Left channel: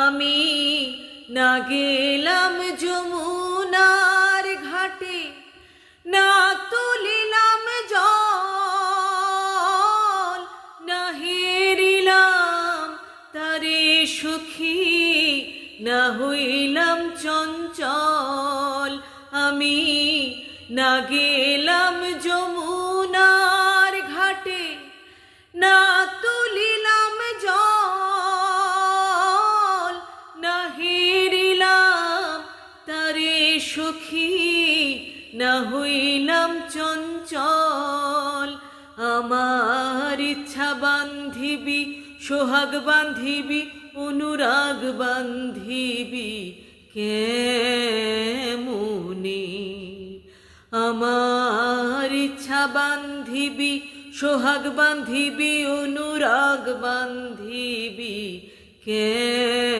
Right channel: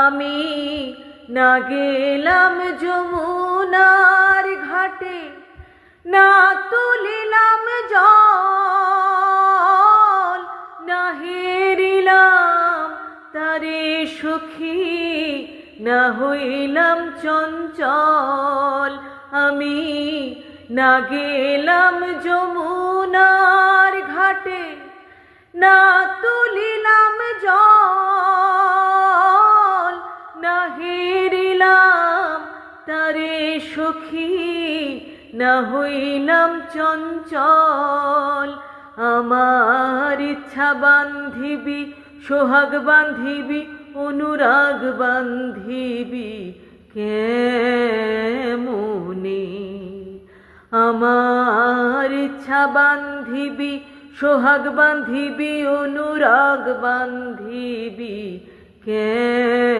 আমি না গেলাম যমুনার ঘাটে, না তুলিলাম জল, না হেরিলাম তারে সখী, না হইলাম চঞ্চল। আমি না গেলাম যমুনার ঘাটে, না তুলিলাম জল, না হেরিলাম তারে সখী, না হইলাম চঞ্চল। আমার ইচ্ছা বান্ধিবি, সোহাগ বান্ধিবি, অনুরাগ বান্ধিবি কেমনে? আমার ইচ্ছা বান্ধিবি, সোহাগ বান্ধিবি, অনুরাগ বান্ধিবি কে